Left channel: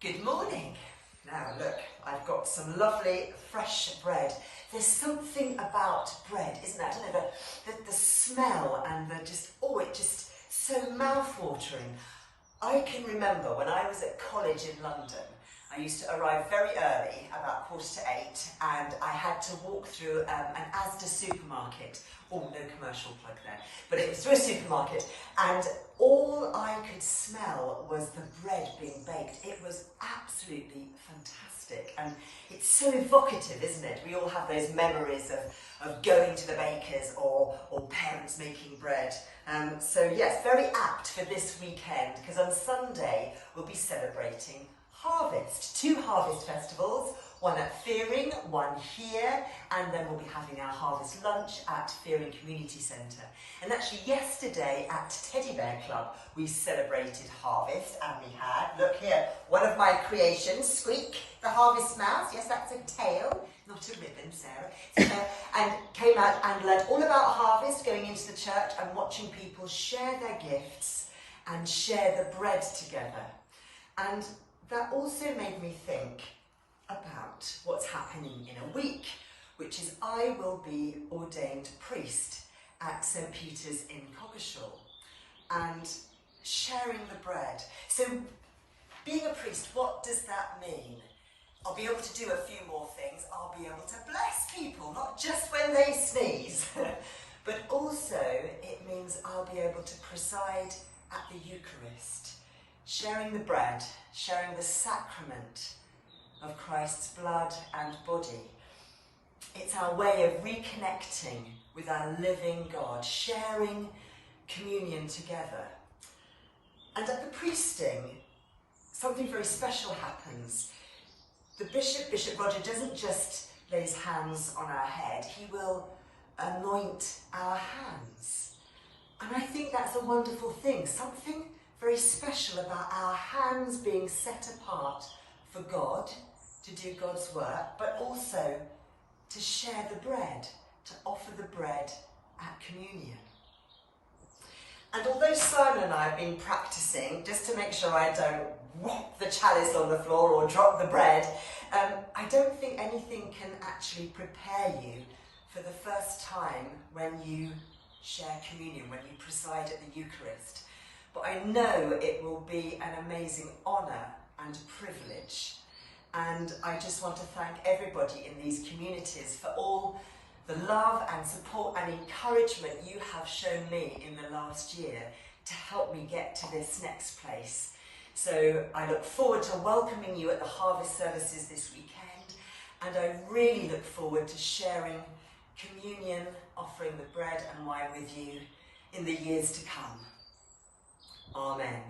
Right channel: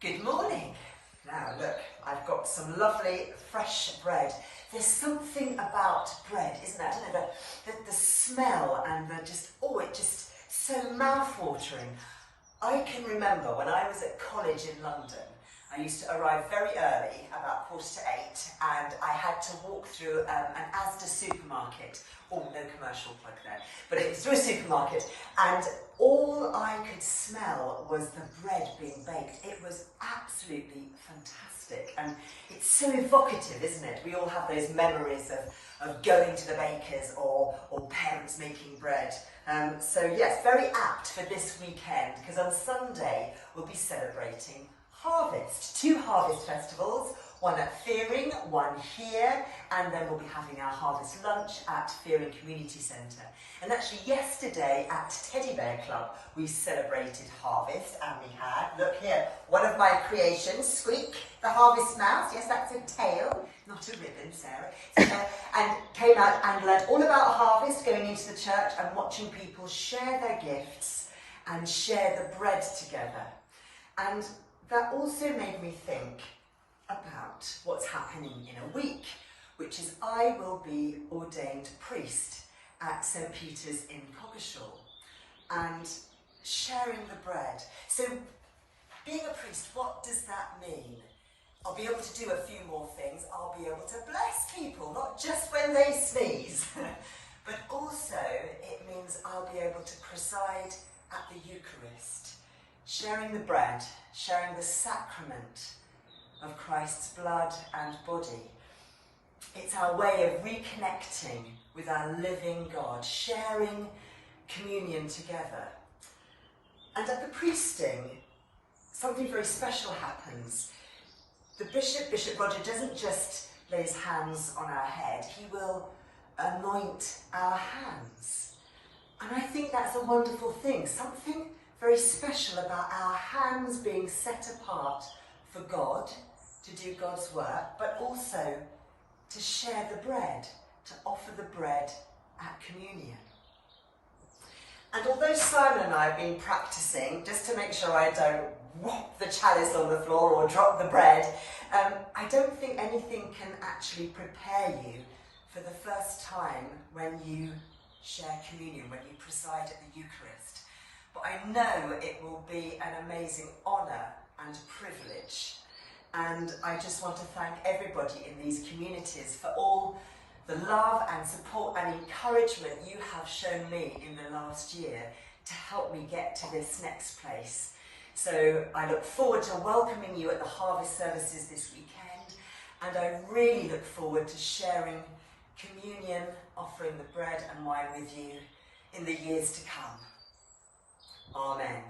Good morning. Now look, I've got some lovely fresh bread. There's something about bread, isn't there? I don't know, the smell and it just so mouth-watering. I can remember when I was at college in London, I used to arrive very early, about 7:45, and I had to walk through an Asda supermarket. Oh, no commercial plug there. But it was through a supermarket, and all I could smell was the bread being baked. It was absolutely fantastic, and it's so evocative, isn't it? We all have those memories of going to the baker's or parents making bread. So yes, very apt for this weekend, because on Sunday we'll be celebrating Harvest. 2 harvest festivals, one at Fearing, one here, and then we'll be having our harvest lunch at Fearing Community Centre. And actually yesterday at Teddy Bear Club we celebrated Harvest, and we had, look here, one of my creations, Squeak, the harvest mouse. Yes, that's a tail, not a ribbon, Sarah. And came out and learned all about harvest, going into the church and watching people share their gifts and share the bread together. And that also made me think about what's happening in a week, which is I will be ordained priest at St. Peter's in Coggeshall and sharing the bread. So being a priest, what does that mean? I'll be able to do a few more things. I'll be able to bless people, not just when they sneeze, but also it means I'll be able to preside at the Eucharist, sharing the bread, sharing the sacrament of Christ's blood and body. It's our way of reconnecting with our living God, sharing communion together. And at the priesting, something very special happens. The Bishop Roger, doesn't just lay his hands on our head, he will anoint our hands. And I think that's a wonderful thing, something very special about our hands being set apart for God, to do God's work, but also to share the bread, to offer the bread at communion. And although Simon and I have been practicing, just to make sure I don't whop the chalice on the floor or drop the bread, I don't think anything can actually prepare you for the first time when you share communion, when you preside at the Eucharist. But I know it will be an amazing honour and privilege. And I just want to thank everybody in these communities for all the love and support and encouragement you have shown me in the last year to help me get to this next place. So I look forward to welcoming you at the harvest services this weekend, and I really look forward to sharing communion, offering the bread and wine with you in the years to come. Amen.